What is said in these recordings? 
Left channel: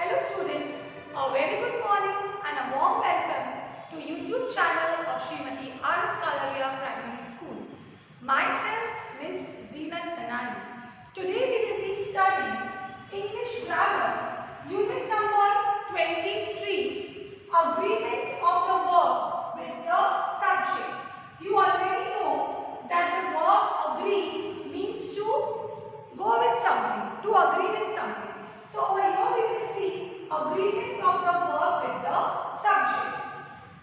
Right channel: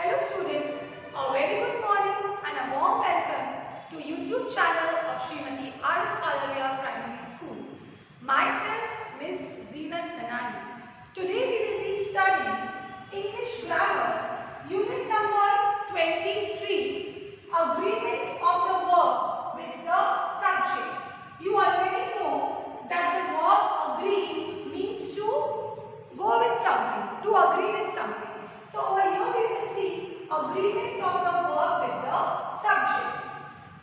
Hello students, a very good morning and a warm welcome to YouTube channel of Smt.R.S.Kalaria Primary School. Myself, Ms Zeenat Dhanani. Today we will be studying English Grammar, Unit number 23, Agreement of the verb with the subject. You already know that the verb agree means to go with something, to agree with something. So over here we will see agreement of the verb with the subject.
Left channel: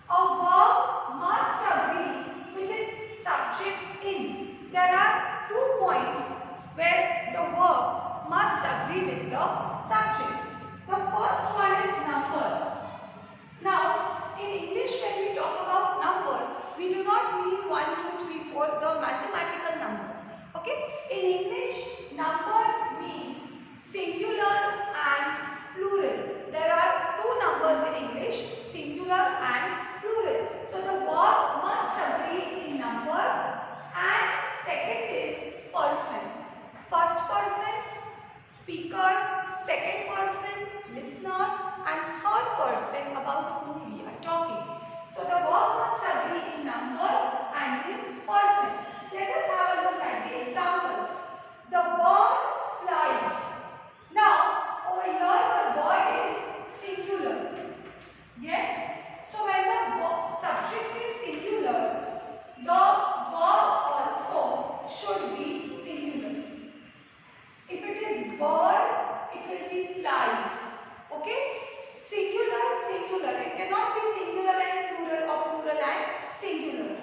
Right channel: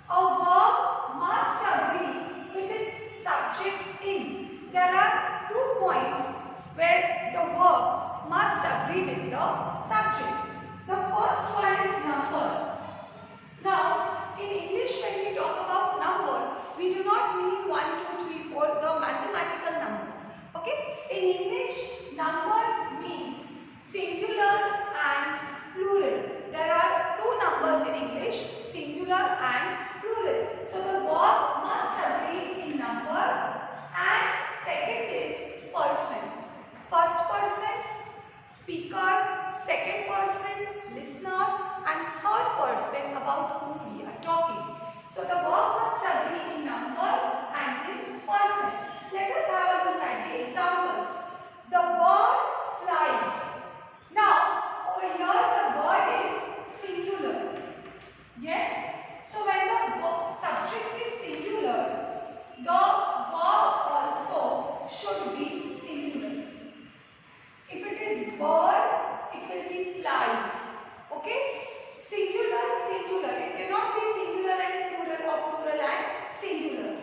A verb must agree with its subject in. There are 2 points where the verb must agree with the subject. The first one is number. Now in English when we talk about number, we do not mean 1, 2, 3, 4, the mathematical numbers. Okay? In English, number means singular and plural. There are 2 numbers in English, singular and plural. So the verb must agree in number, and second is person. First person, speaker, second person, listener, and third person about whom we are talking. So the verb must agree in number and in person. Let us have a look at the examples. The bird flies. Now, over here the bird is singular. Yes? So when the subject is singular, the verb also should be singular. If it is bird, it will be flies. Okay? Singular, singular. It cannot be singular and plural or plural and singular.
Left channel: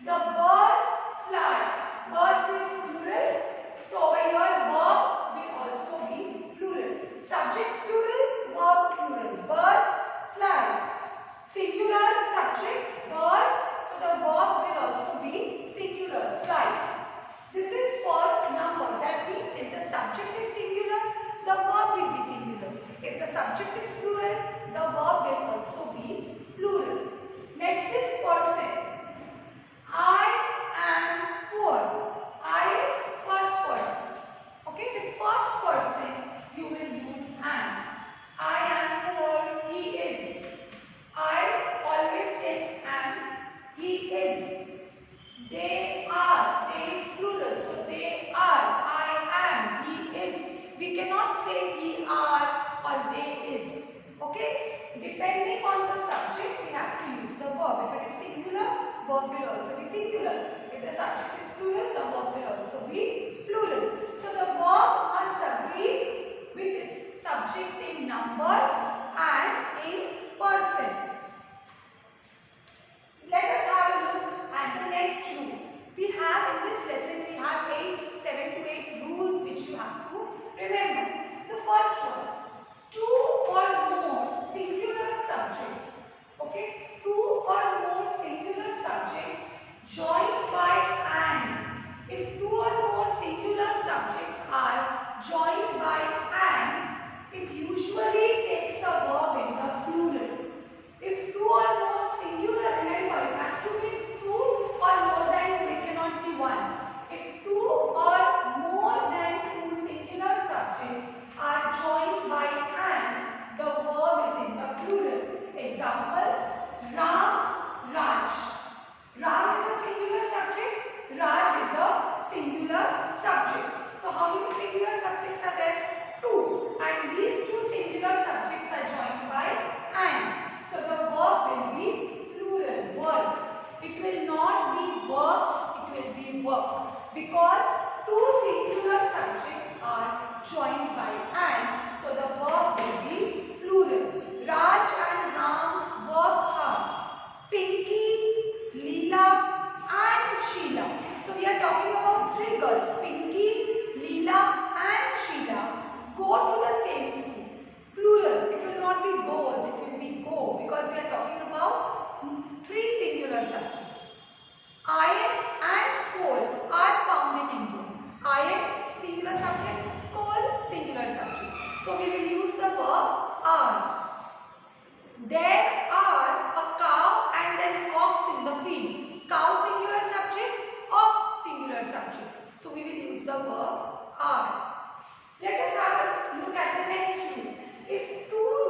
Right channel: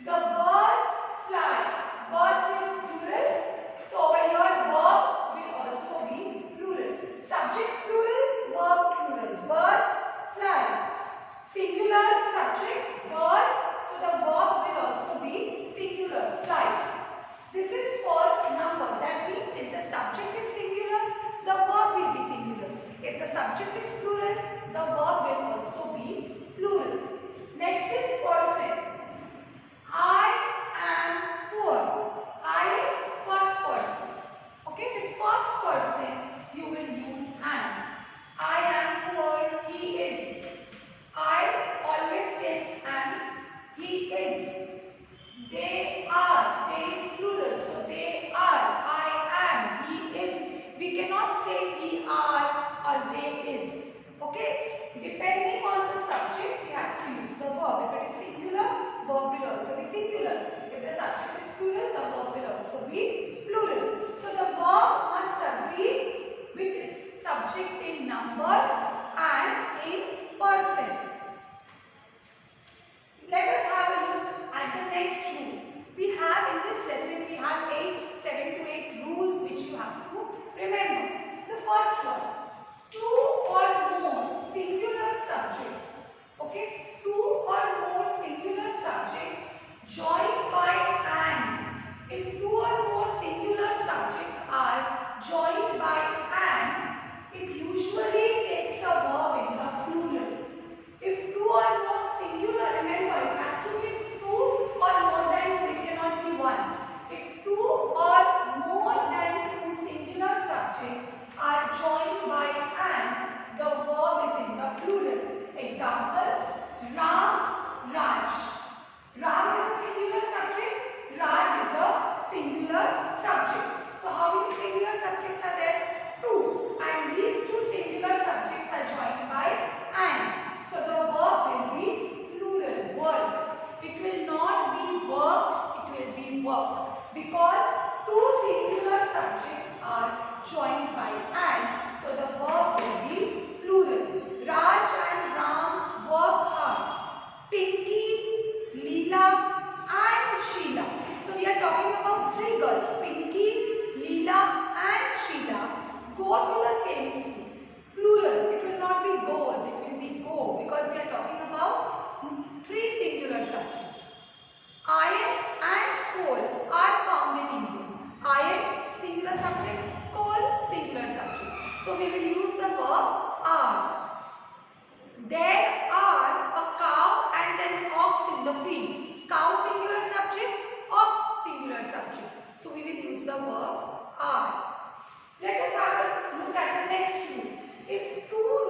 The birds fly. Birds is plural. So over here verb will also be plural. Subject plural, verb plural. Birds fly. Singular subject, bird. So the verb will also be singular, flies. This is for number. That means if the subject is singular, the verb will be singular. If the subject is plural, the verb will also be plural. Next is person. I am poor. I is first person. Okay, with first person you will use am. I am poor, he is. I always takes am, he is. They are, they is plural, so they are, I am, he is. We cannot say he are or they is. Okay, depending on the subject we have to use the verb. If it is singular, verb will also be singular. If the subject is plural, the verb will also be plural. So the verb must agree with its subject in number and in person. Let us have a look at the next rule. We have in this lesson, we have 7 to 8 rules which you have to remember. The first one, 2 or more singular subjects. Okay, 2 or more singular subjects joined by an. If 2 or more singular subjects are joined by an, it usually takes a verb in the plural. If 2 or more singular, remember it has to be 2 or more than 2, it cannot be 1. If 2 or more than 2 singular subjects are joined by an, the verb is in the plural. Example, Ram, Raj. Ram is a singular subject, Raj is a singular subject. So how many singular subjects are there? 2. And these 2 singular subjects are joined by an. So the verb will be plural, work. It will not be works, it will be work. Because 2 singular subjects are joined by an. So the verb will be plural. Raj and Ram work hard. Pinky, Leela and Sheila. So we are talking about 3 girls. Pinky, Leela and Sheila go to the same school. Plural. It will not be goes. It will be go, because we are talking about 3 singular subjects. Iron and coal are found in India. Iron, singular subject. Coal, singular subject. So we will use the verb are. There are a cow and an ox in the field. Cow, singular subject. Ox, singular subject. So we will use the verb are. Let us have a look at the next rule. If 2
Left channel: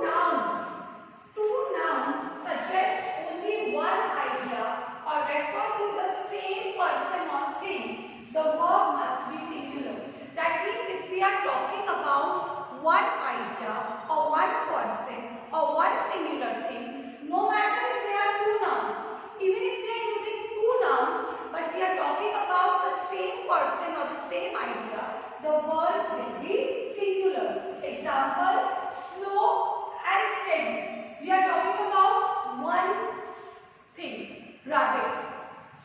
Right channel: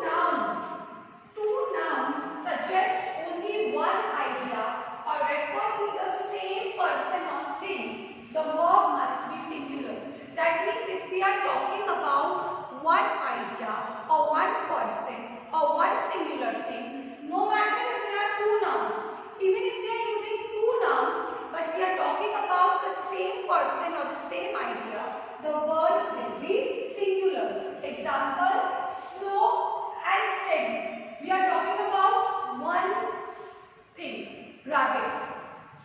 we are talking about one idea or one person or one singular thing, no matter if there are two nouns, even if we are using two nouns, but we are talking about the same person or the same idea, the verb will be singular. Example, slow and steady. We are talking about one thing, rabbit.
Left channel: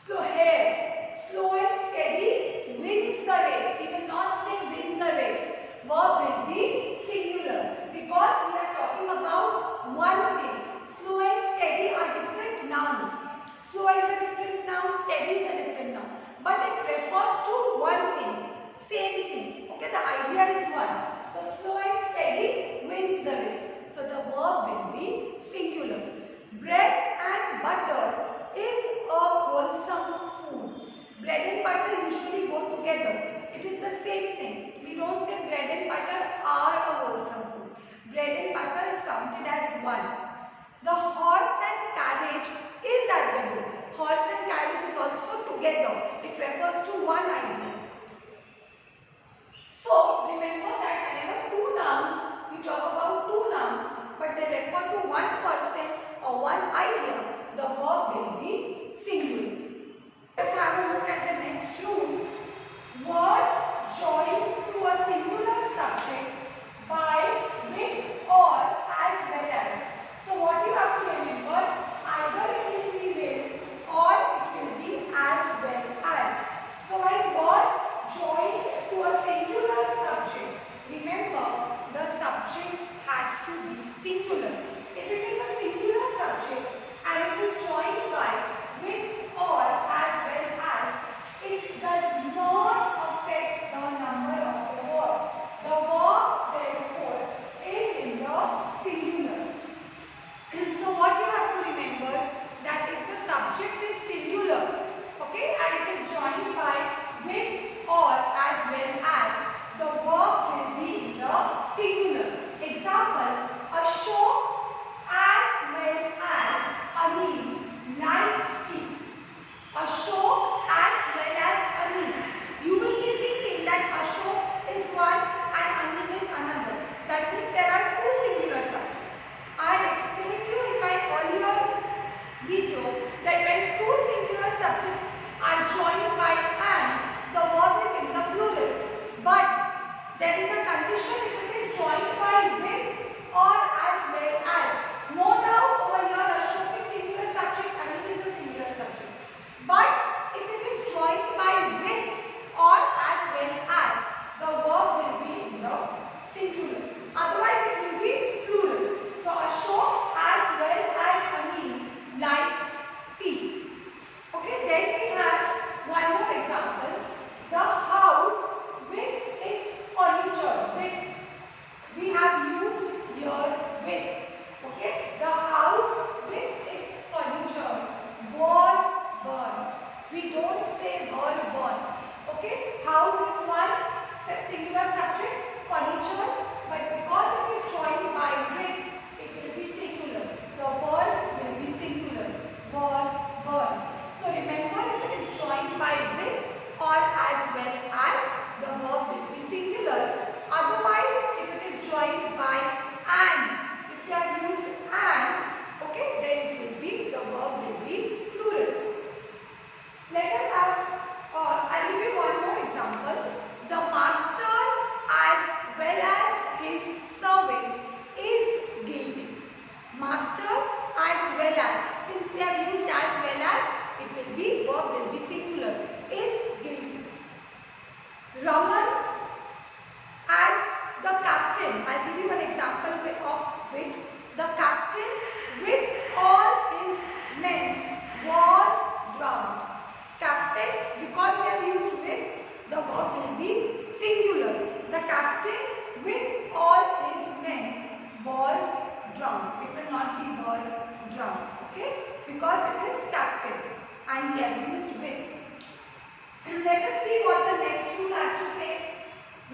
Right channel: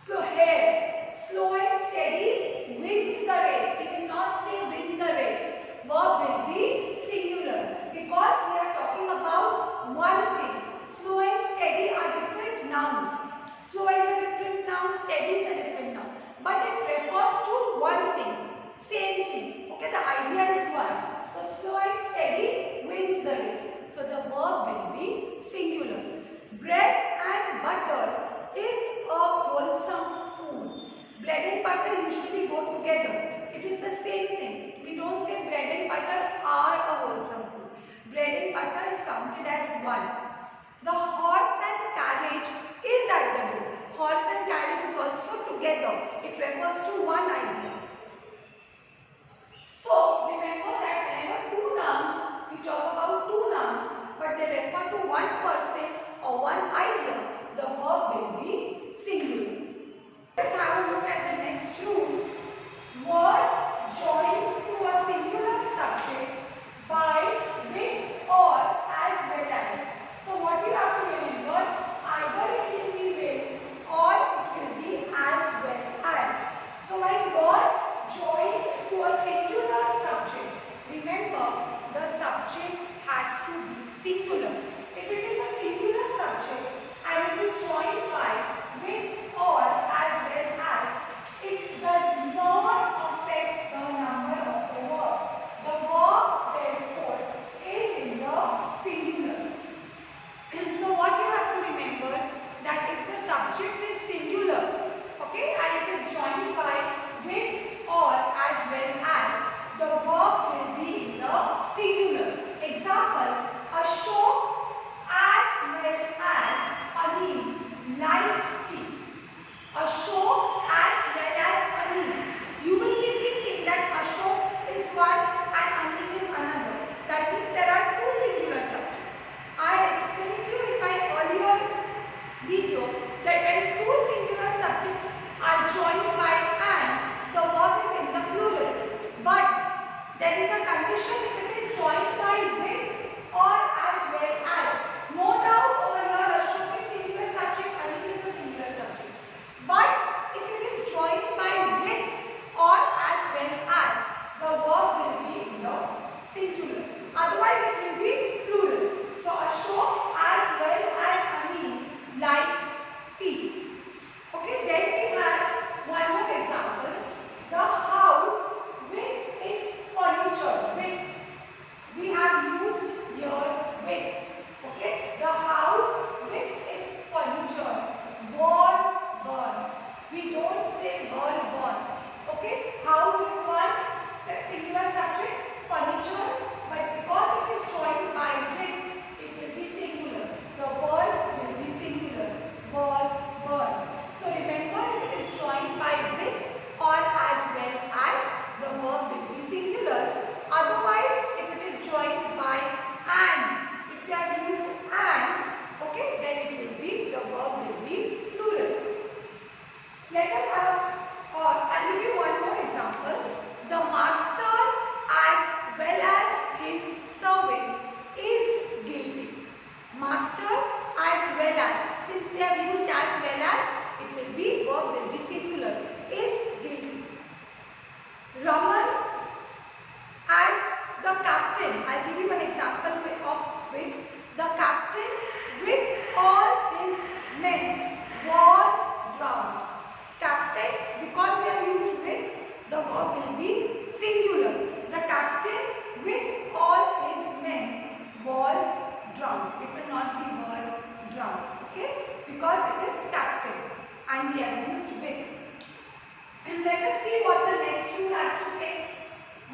Slow hair. Slow and steady wins the race. We will not say win the race. Verb will be singular because we are talking about one thing. Slow and steady are different nouns. Slow is a different noun, steady is a different noun. But it refers to one thing, same thing. Okay, the idea is one. So slow and steady wins the race. So the verb will be singular. Bread and butter is a wholesome food. Bread and butter usually go together. It is the same thing. We don't say bread and butter are a wholesome food. Bread and butter is counted as one. The horse and carriage is at the door. Horse and carriage is also together. It refers to one idea. So remember that whenever two nouns, we talk about two nouns, but they refer to one person or one idea, the verb will be singular. Let's have a look at the next rule. Words joined to a singular subject by, with, or, as well as. So what you have to remember, either it will be with or it will be as well as. So like words joined to a singular subject, remember the subject has to be singular. If it is a singular subject and it is joined by, with, or, as well as, it does not affect the number of the verb. The verb therefore is in the singular. So what you have to remember, that if the subject is singular, okay, and it is joined by, with, or, as well as, the verb will be in the singular. Example, Ashok as well as Anil likes tea. Ashok as well as Anil. You will be thinking that Ashok is one and Anil is another. That means there are two singular subjects. I had explained to you in my earlier video that when two singular subjects are joined by and, the verb is in the plural. But there is a condition if it is joined by with or as well as. No doubt over here Ashok is singular subject, Anil is a singular subject. But if it is joined by with or as well as, the verb will be in the singular. Otherwise it will be plural. So Ashok as well as Anil likes tea. Okay, then we have one more example. The house with its furniture. With. We have used here with. Okay, the house with its furniture was burnt. We don't say were burnt. Okay, house is one singular subject, furniture, but because it is joined by with, it will be singular. The verb will be singular. Was burnt. So remember, if it is joined by with or as well as, the verb will be singular. Otherwise, if it is joined by and, if you have used and, okay, then it will be, the verb will be plural. Let us have, I'll give you one more example. The master as well as his servant is guilty. Master as well as, since we have used as well as, it will be, verb will be singular, is guilty. Raman as the captain, I'll give you one example of with. The captain with all his men was drowned. Captain, because we have used with, the verb will be singular. The captain with all his men was drowned. It will not be were drowned. Okay? Because it is captain and we have used with. And let us see what the next rule has to say.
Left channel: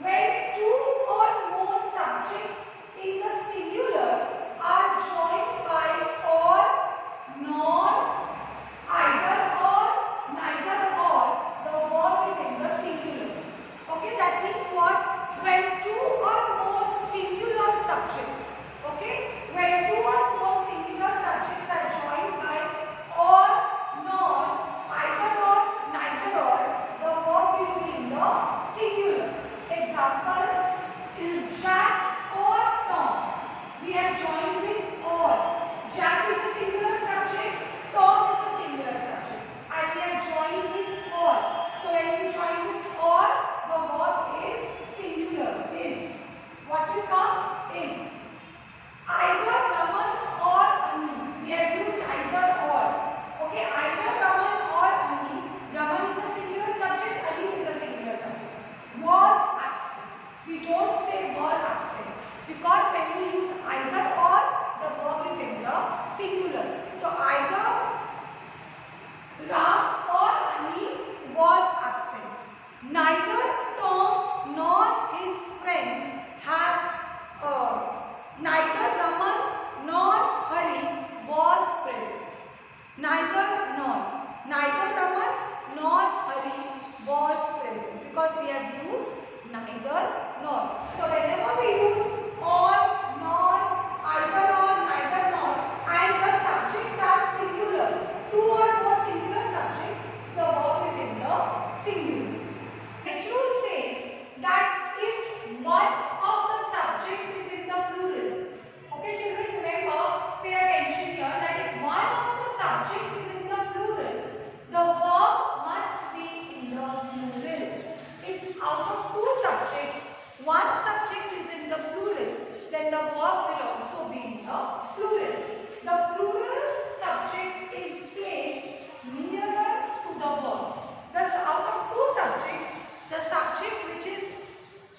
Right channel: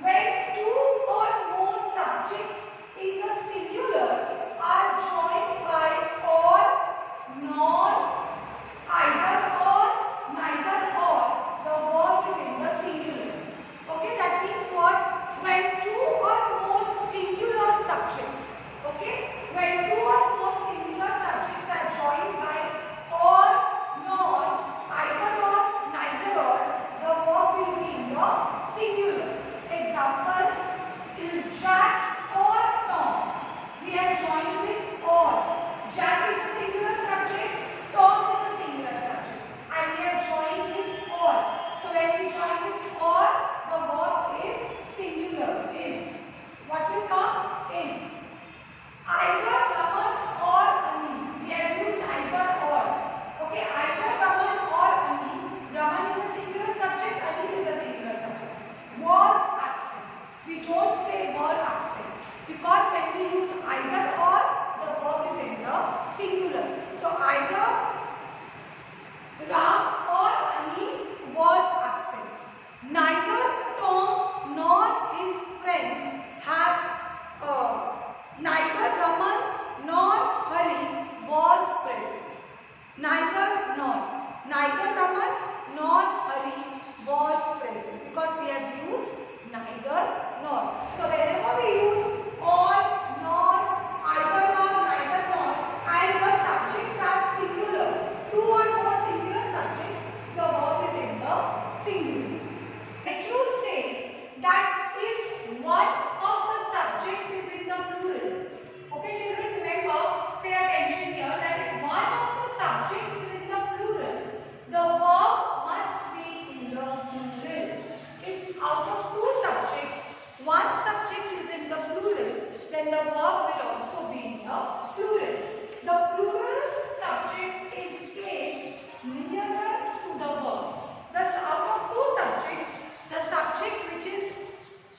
When two or more subjects in the singular are joined by or, nor, either or, neither or, the verb is in the singular. Okay, that means what? When Because when we use either or, the verb is in the singular. So either Ram or Ali was absent. Neither Tom nor his friends have neither Raman nor Hari was present. Neither Raman nor Hari was present, because we have used neither nor. So whenever we use or, nor, either or, neither nor, and the subjects are singular, two or more singular subjects, the verb is in the singular. Next rule says that if one of the subjects is in the plural, okay children, remember, pay attention here, that if one of the subjects is in the plural, the verb must be in the plural. If out of two subjects, one subject is in the plural, then the verb will also be in the plural. The plural subject is placed nearer to the verb. Thus, out of two subjects, the subject which is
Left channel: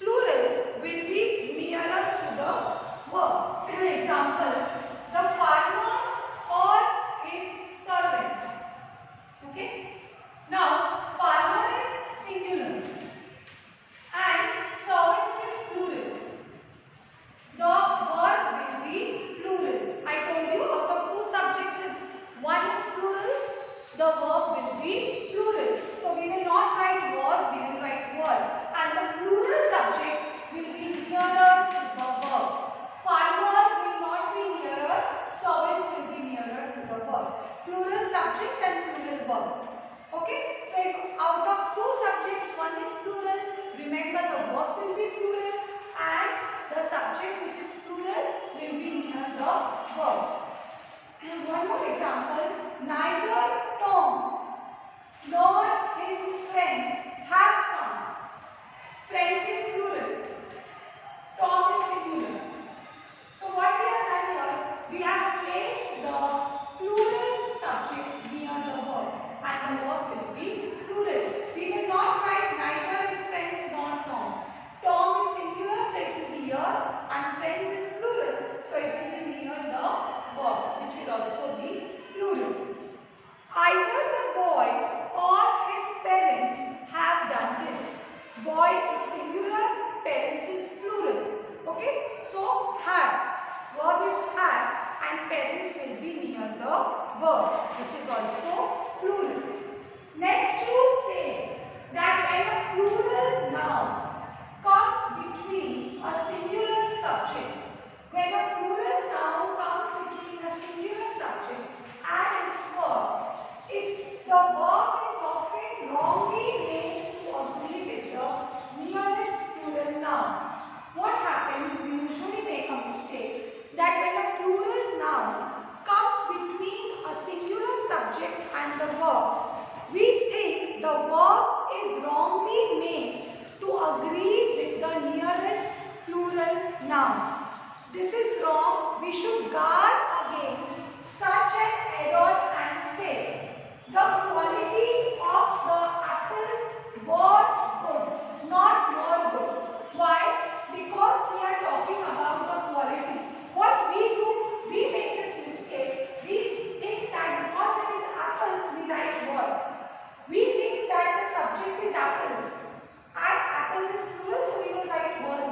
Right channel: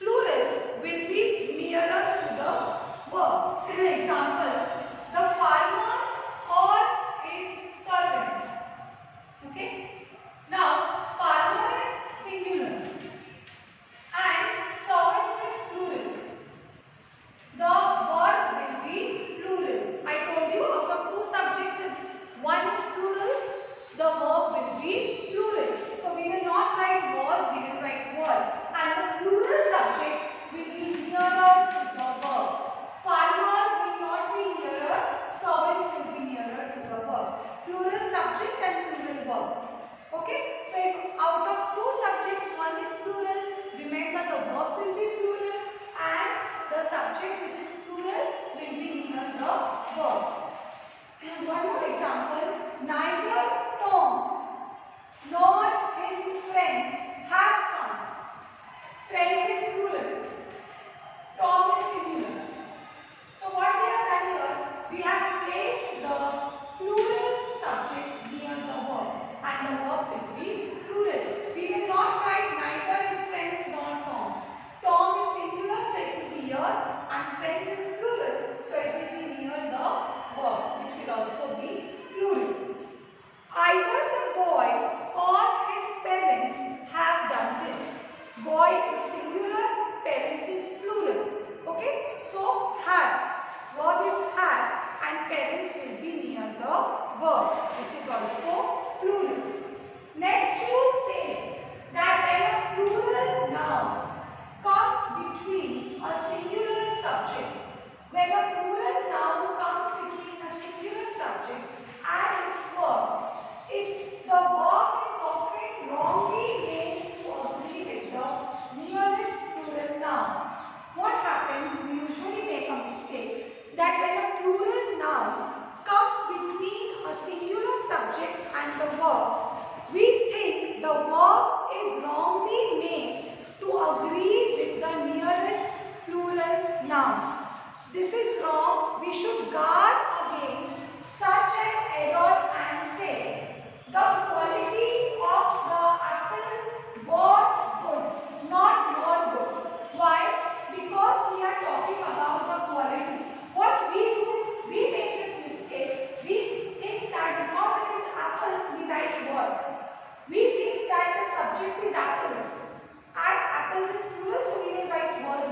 plural will be nearer to the verb. Example, the farmer or his servants. Okay. Now, farmer is singular and servants is plural. The verb will be plural. I told you, out of two subjects, one is plural, the verb will be plural. So we will not write was, we will write were. And the plural subject will be nearer to the verb. Farmer will not be nearer, servants will be nearer to the verb. Plural subject and plural verb. Okay? So if out of two subjects, one is plural, remember the verb will be plural and the subject which is plural will be near the verb. One more example, neither Tom nor his friends have come. Friends is plural, Tom is singular. So what we have done here, we have placed the plural subject near the verb and the verb will be plural. We will not write neither his friends nor Tom. Tom is singular, so it will be here, and friends is plural, so it will be near the verb, which will also be plural. Either the boy or his parents have done this. Boy is singular, parents is plural. Okay, so have, verb is have, and parents will be near the verb, which is also plural. Next rule says that when a plural noun comes between a singular subject, when a plural noun comes between a singular subject and its verb, the verb is often wrongly made to agree with the nearest plural noun. What happens, we usually make a mistake that when a plural noun comes between a singular subject and the verb, we think the verb is wrongly made to agree with the nearest plural noun. This is wrong. We should guard against such an error and say, the quality of the apples was good, not were good. Why? Because we are talking about the quality. What we do, we make this mistake. We think that because it is apples, we write were. We think that the subject is apples. And apples is plural, so we will write were.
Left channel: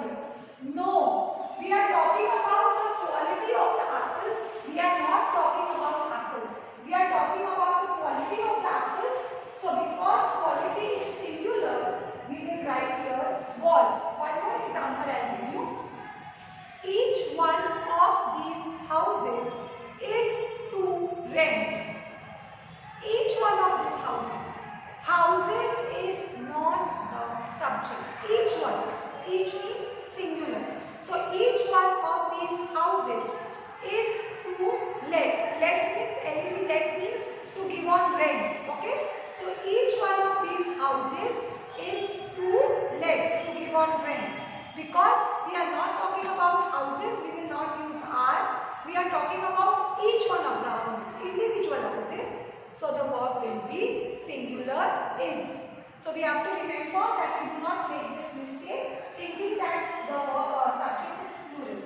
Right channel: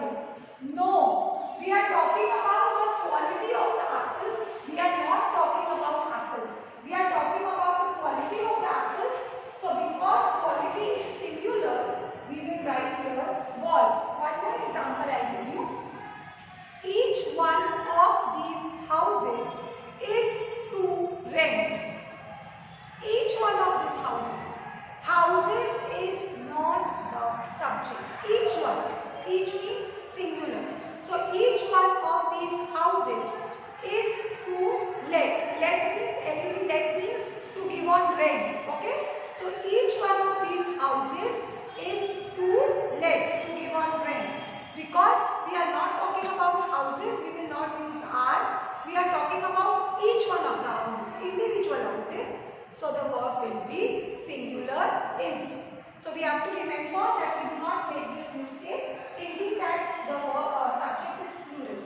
No. We are talking about the quality of the apples. We are not talking about apples. We are talking about the quality of the apples. So because quality is singular, we will write here was. One more example I will give you. Each one of these houses is to rent. Each one of these houses. Houses is not the subject. Each one. Each means singular. So each one of these houses is to let. Let means LET, let means to give on rent. Okay. So each one of these houses is to let, to give on rent. Because we are not talking about houses, we will not use are. We are talking about each one of the houses, individual houses. So the verb will be singular is. So we have to remember that we do not make this mistake thinking that the subject is plural.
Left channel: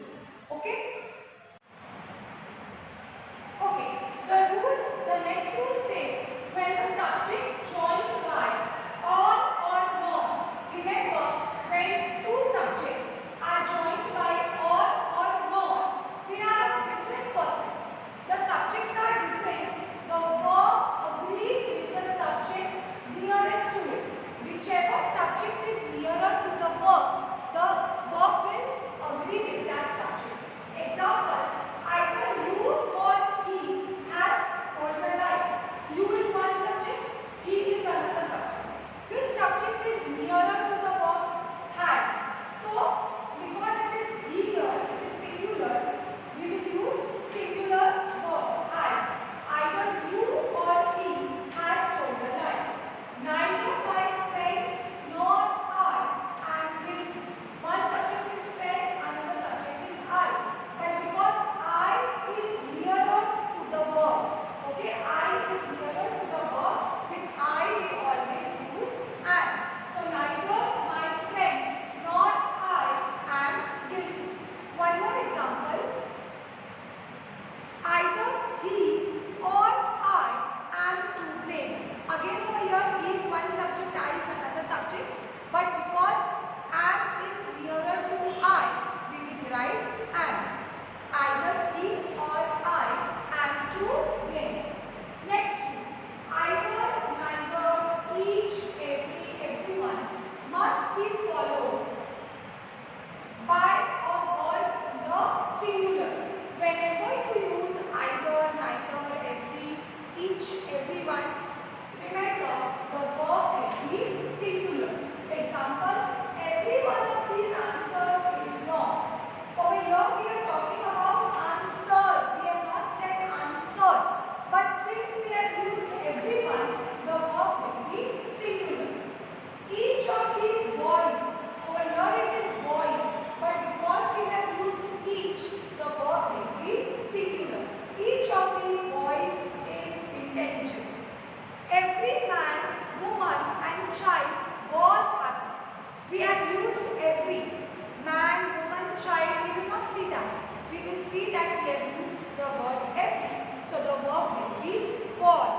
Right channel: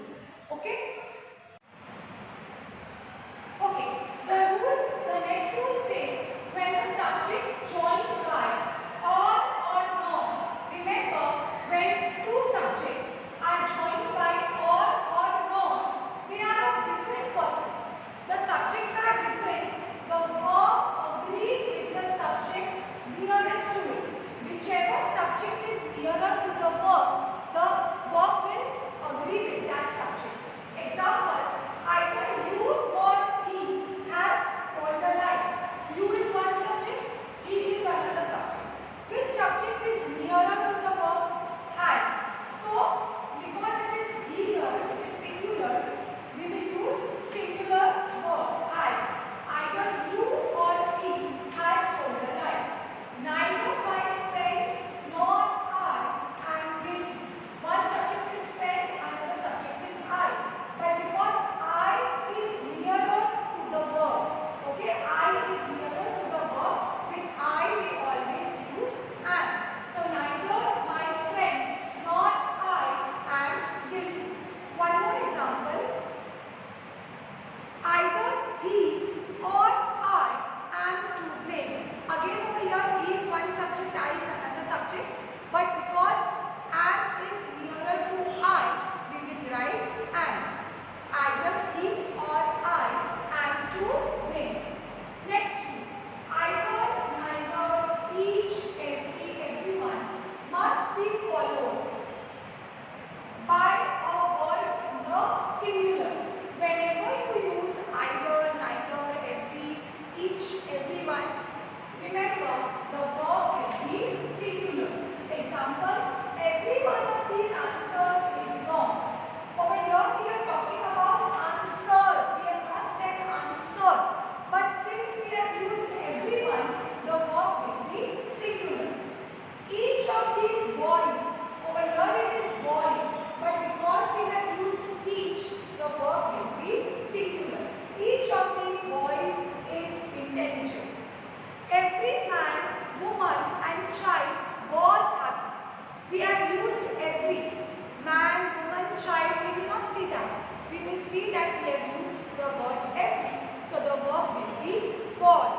we will not see that. We will see that we have used the word every. So the verb will be was.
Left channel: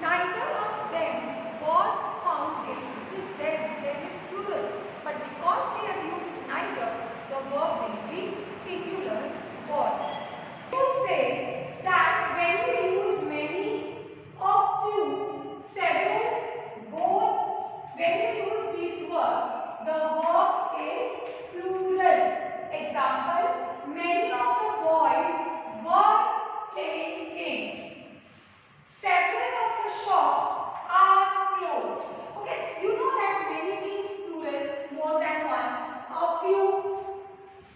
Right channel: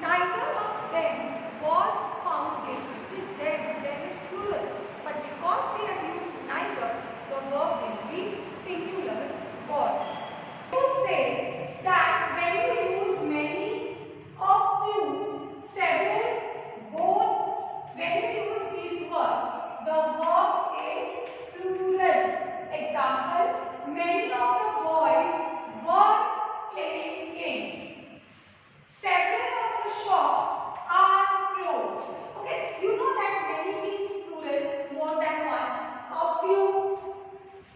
Neither of them was found guilty. It is them. Them is plural. But because we have used neither, the verb will be singular was. It says that when you use many, of few, several, both, when you use these words, the verb is plural. Example, many of the boys were playing games. Several of the shops are closed. Okay, you know that many means plural, more than one. A few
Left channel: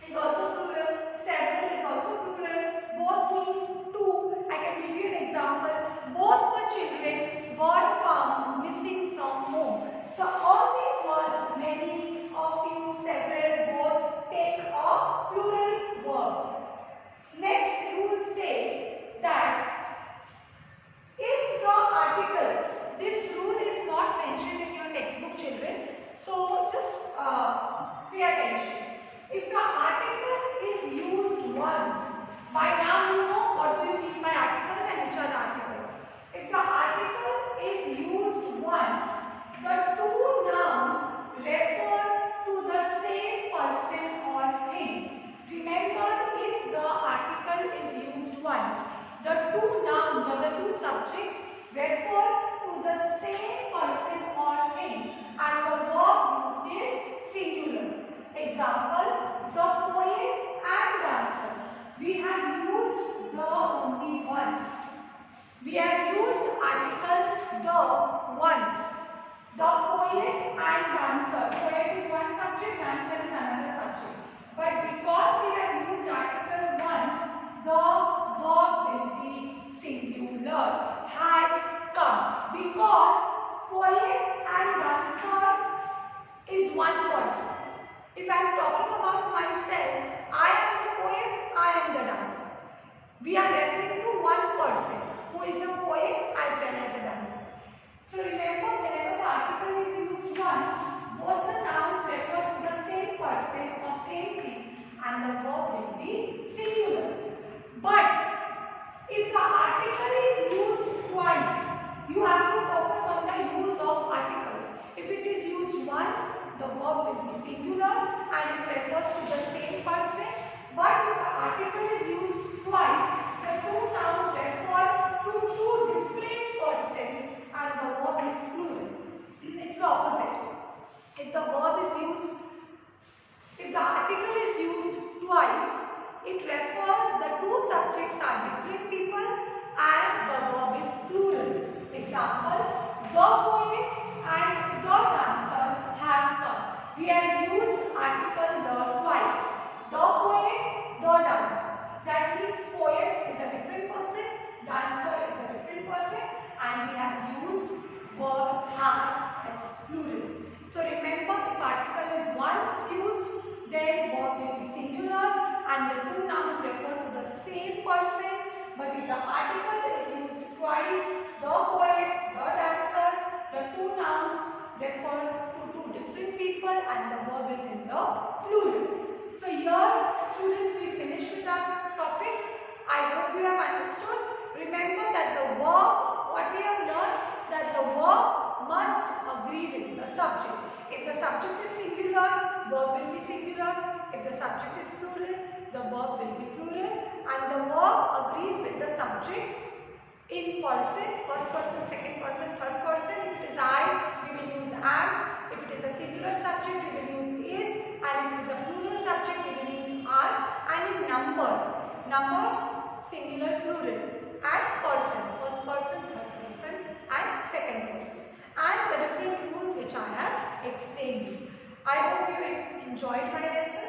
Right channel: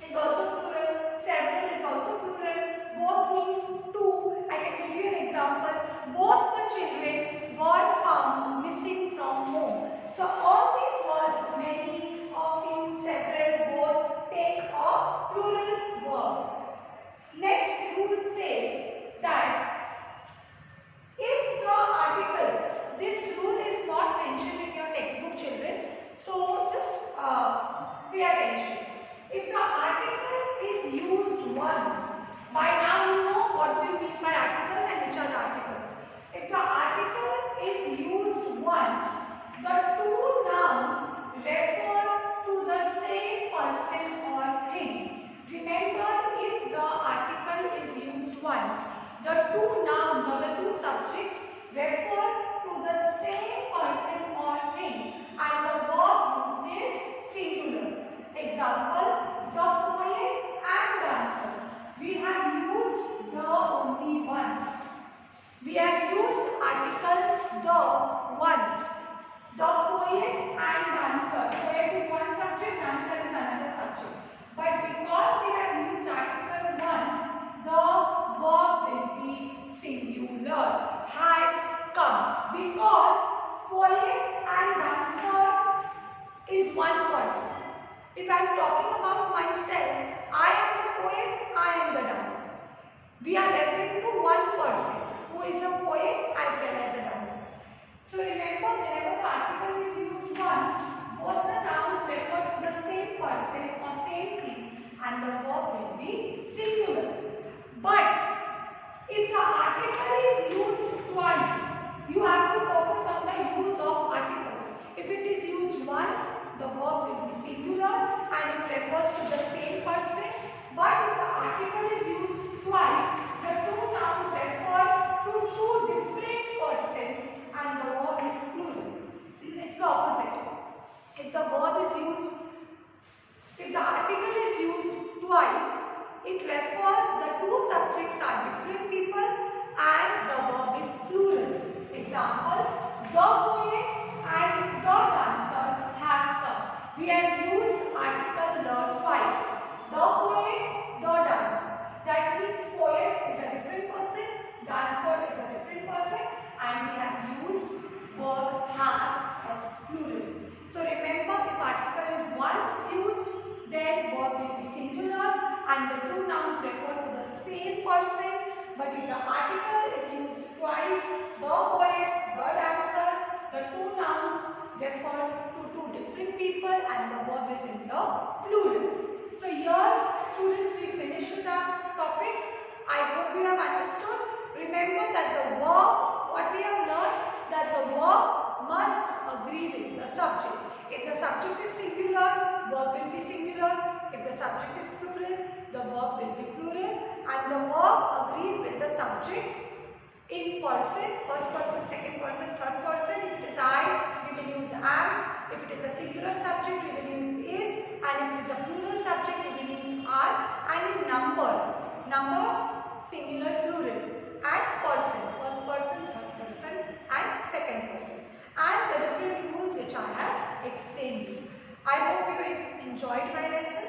is also plural, several is also plural, both means two. I can give you an example. Both the children were found missing from home. So all these words, many, a few, several, both, take a plural verb. Next rule says that if the article, this rule is not mentioned in your textbook, children, so just pay attention. If the article is used once, by now you know what do you mean by articles and which are the articles. If the article is used once, the two nouns refer to the same person or thing. Remember, if the article is used once, the two nouns or the two subjects refer to the same person or thing and the verb used is singular. Example, the poet and dancer. We have used the only once. We have used article the once. The poet and dancer. Poet is one subject, dancer is another subject. But because we have used article once, the verb will be singular, has come. Because poet and dancer is one person. If I am talking about myself, I am the poet, I am the dancer. We are referring to one person who is a poet as well as a dancer. So remember, whenever the article is used once, both the nouns refer to the same person or same thing and the verb will be singular. But if the article is used twice, you have to focus on the use of articles. If it is used once, the verb will be singular and it refers to the same person. But if the article is used twice, the two nouns refer to two different persons and the verb is plural. It's the opposite. If the article is used twice, it refers the two subjects are different people and the verb is plural. Example, the poet and the dancer have come. We have used article the twice. The poet, the dancer. That means poet is a different person, dancer is a different person, and we have used verb have as plural. So remember, if article is once used, then verb will be singular and the two nouns refer to the same person. But if the article is used twice, the poet, the dancer, the two nouns refer to two different people and the verb is in the plural. So here, students, we finish with our topic. I hope you have understood. Remember that the verb, what we have learned, that the verb must agree with the subject. If the subject is singular, verb will be singular. If the subject is plural, the verb will be plural. And the verb agrees with the subject in person, first person, second person, third person. If it is I, we will use am. If it is a singular subject, we will use is. And if it is a plural subject, we will use are. And in number, singular, plural. And person, first person, third person and second person. And the different rules which I have explained you. I hope you enjoyed my lesson.